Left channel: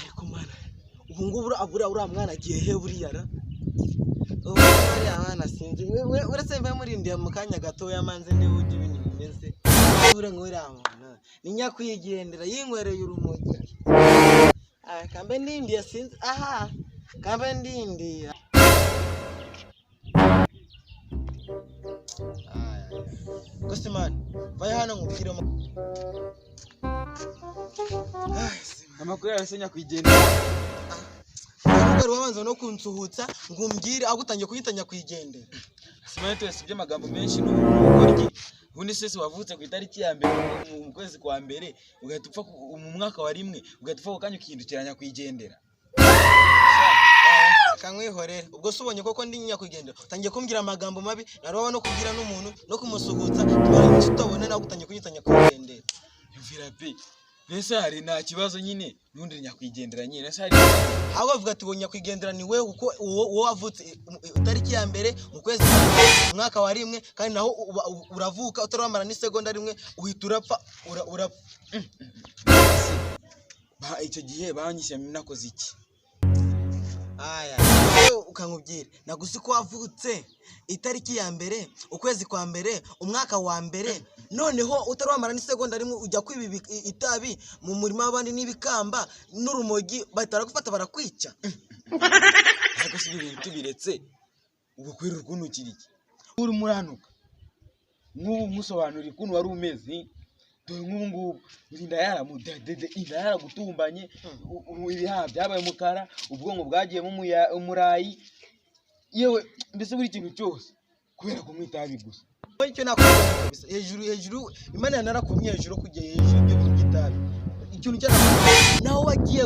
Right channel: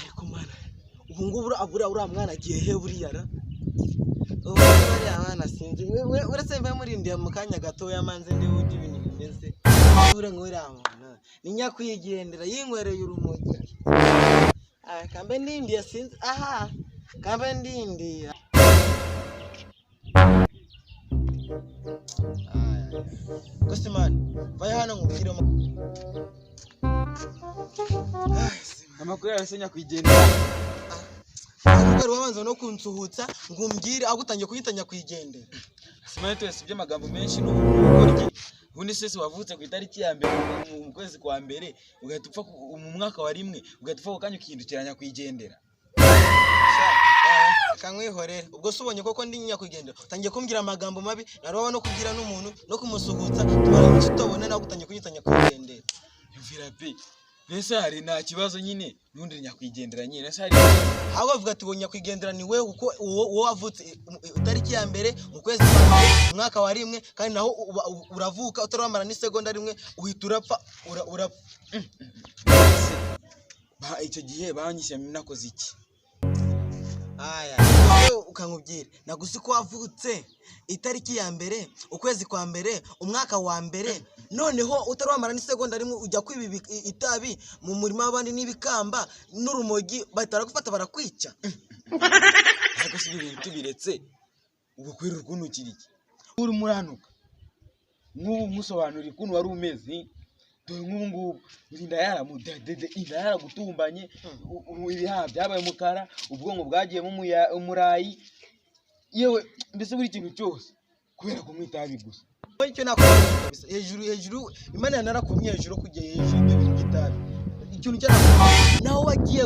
ariko mana ubu ngubu uriya mwana agiye he buriya ra ubu bariya abana sinzi we uretse mva murindiye mu kanya gatoya manze ndi ujye ibintu bimeze ure ngwira mwana ni nyakwigendera yinkwereye urumogi kambe ndindiye sinzi aha kambe ndindiye gusa man vaya hano ngubwiremo amakuru yose nyakwigendera ubwo wabanza no kunsuhutsa ngumbwire agutangiye kuyitanya kwigendera simane twese by'amagambo menshi n'ubukoryi ubundi sese wavutse ku itariki ya mbere mu kwezi kwa mbere ugahita upfa mu mwaka wa rimwe ugahita upfa kanya ukihindukiranya kwigendera kankwihorera ubwo subonye koko ndi nyakwigendera utangiye kumbwira amagambo mabi naroba no kubwira n'umuntu no kumusuhutsa tubara tutabona nagutangiye kuyitanya kwigendera yumvira pe nese hari nta kibazo nyine nundi nyakwigendera nyine nese hari hawo bavuga ati bonya kwigendera ni wewe uko uwo wavutse itariki ya mbere mu kwezi kwa mwaka wa rimwe kandi naho uravuka utaramara ni segonda rimwe uhita urapfa ba icyo gihe banyishyira nakoze iki aya ukankubwira naguzi ko wavutse itariki ya mbere ukwezi kwa mbere umwaka wa mbere noneho utaramara ni segonda rimwe ujya kwibibi itabi mu murima w'abandi n'ibikamba n'urumogi batara gufata barakwica ariko si ibintu tubiretse ubu kwira ukuntu kiriki uri muranuka nk'ubu musobanurira ukuntu wari umeze dore nk'ubu inda yaragutumbanye ibihaha byabaye umukara ubwonko bwagiyemo umurayi yewe mbese buri kintu cyose kubera kumwitabi gusa icyo nakubwira kabisa hejuru imana yanarakumye hejuru kujya hejuru ibyo bintu by'itabi ikintu cyarakumye naho wagiye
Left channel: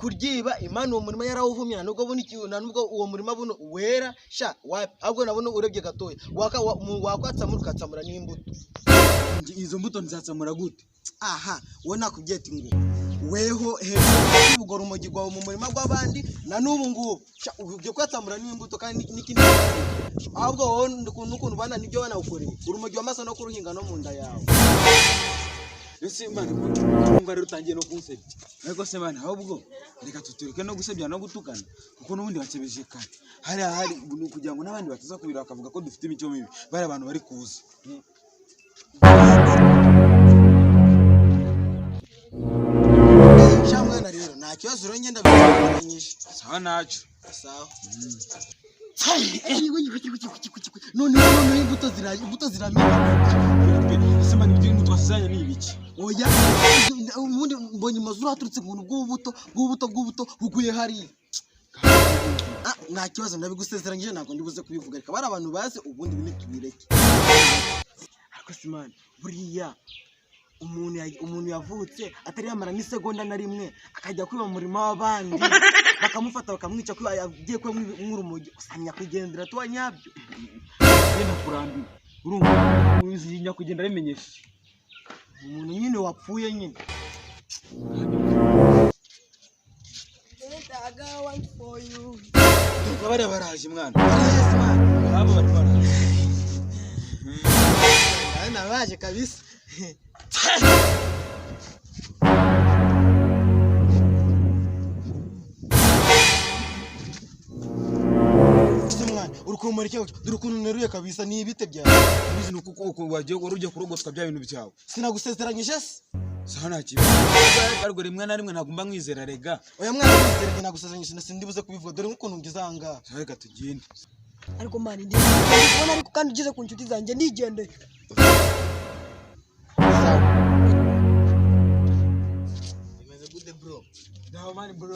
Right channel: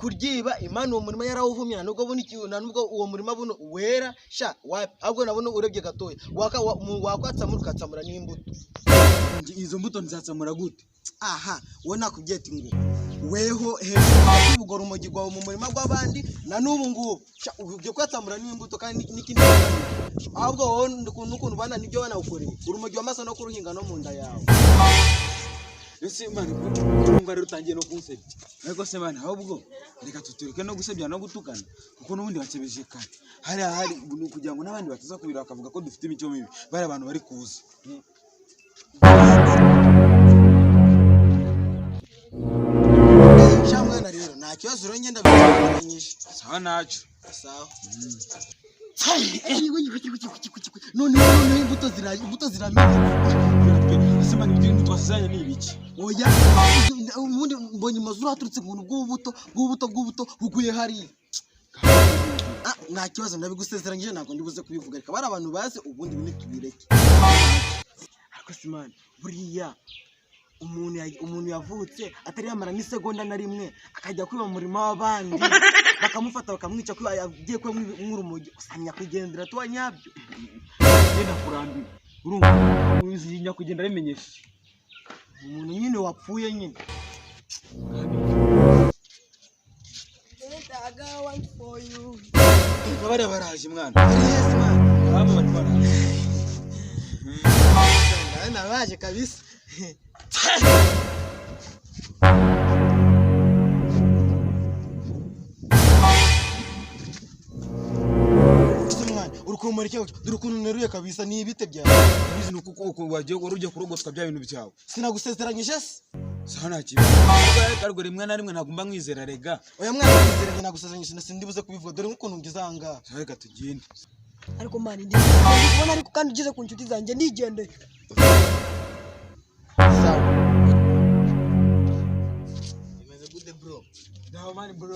kuryiba imana uwo murima yarawuvumira nubwo buno ikintu nubwo uwo murima buno wera sha ahubwo nabona urebye gatoya wakwatsamura ukatsamura n'imbuto izo mbuto nzatsamura gute aha wowe nakubwiye ati ngo weho hejuru y'ubugoro urumogi rwawe mu murima gw'abandi na n'ubu ngubu ujye kwatsamura n'imbuto kandi n'ikindi ahubwo wowe n'ukuntu bana nibyo banawukoreye urumogi wamaze no kuruhinga no mu nda yawe ese mani kumva rero utangiye no kunsebya ariko se mani ahubwo reka tutureke no gusebya no gutukana kuko n'ubundi bacebeje kare hari kugira ngo n'abandi bataza kubira bakavuga ko dufite imico mibi bari abantu bari kuza shamwana rero nta kibazo rero ngenda bikanyisha sawa naco sawa none imbuto ziramera ese mani ibyo twasizanye ni ibiki oya ubundi mbonye amazuru aturutse mu bw'ubuto buguye hariya nta kibazo ndabigusezeranyije ntabwo ndibuze kubivuga reka bari abantu bazi ubundi bine tubireke ariko simani buriya umuntu yavutse atari yamara n'isegonda na rimwe akajya kwiba mu murima w'abandi bakamufata bakamwica ko yagiye kuba nk'urumogi usanga kwigendera tuba nyabyo genda kurambiwe urumva uzi nyakwigendera bimenyesha umuntu nyine wapfuye nyine bari baraje mwana yes man abo bari baraje nabaje kabisa urukumurike urukuntu neruye kabisa ni ibite byawe bizi nuko wagiye urujye kurogotwa bya bintu byawe sinagusezeranyije se sana kiba ariko rimwe na rimwe ntagomba mwizera rega oya mwana mwizeranye nagusezeranyije sindibuze kubivuga dore nkuko nungiza hanga reka tugende ariko mani ndi kubona ariko kandi ugeze ku nshuti zanjye ndigende sawa imeze good bro dawa mani bro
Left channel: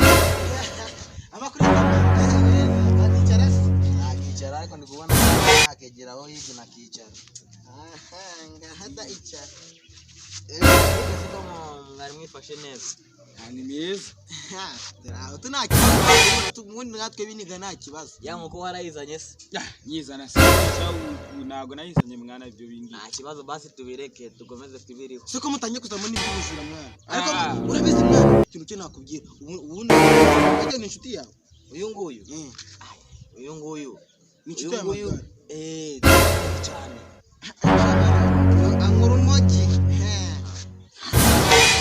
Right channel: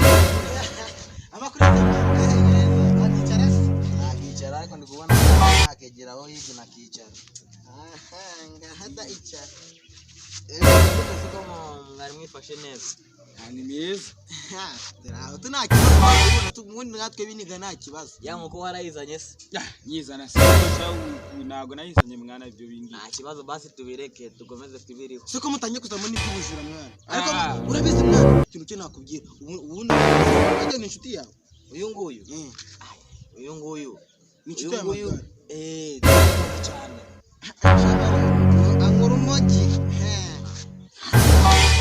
amakuru akicara akicara ariko ndi kubona akegeraho hivi na kicara ngahada icara Ese como mwari mwifashe neza ni meza tunakibazo tumundi natwe biniga nta kibazo yango ko warayizanye se nyizana sisha ntago nayizanye mwana ibyo bindi nta kibazo basi tubireke tugomeze twibiriho siko mutanye kuzamo n'ibyubujura mwana ariko urabizi mwana ikintu cyo nakubwira ubundi ajya ni inshuti yawe uyu nguyu ni inshuti yawe cyane. Ankura umogi.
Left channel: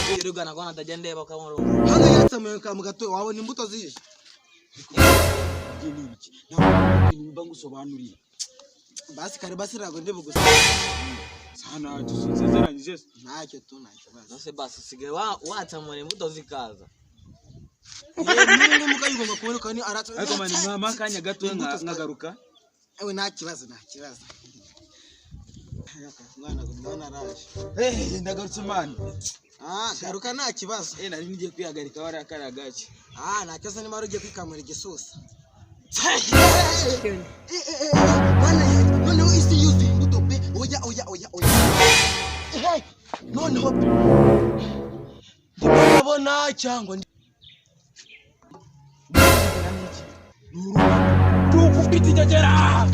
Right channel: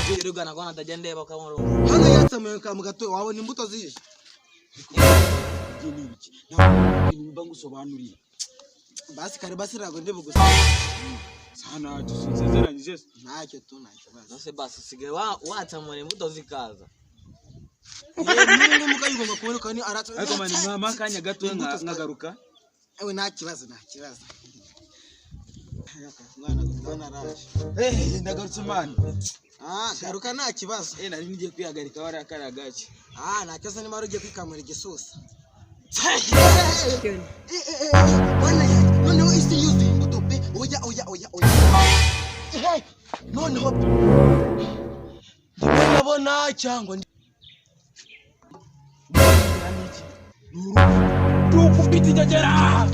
Okay, rero gana kwa natajya ndeba kamaro. Hano yatsamuye ka mugato wabona imbuto zije. Ngiye n'ibiki ntabwo nimba ngusobanuriye Basi kare basi rago ndebe gusa. sana tusezeranyije Ntacyo tu ntacyo basi. Nose basi sige watsamura imbuto zikaza. Niba mukayigomba kuboneka ni aratse. ariko mani mama kanya gato nkagaruka Ewe nta kibazo. Mwana gutwana araje. ndagarutse mani Garuka nta kibazo. nari ngiye kwihagarika warakara gake Nta kibazo ni mara ugiye kwikamura igisusa. Bana ya noneho isi yuzuye imbuto pe. Oya. Noneho ndabona cyangwa tukupita jajera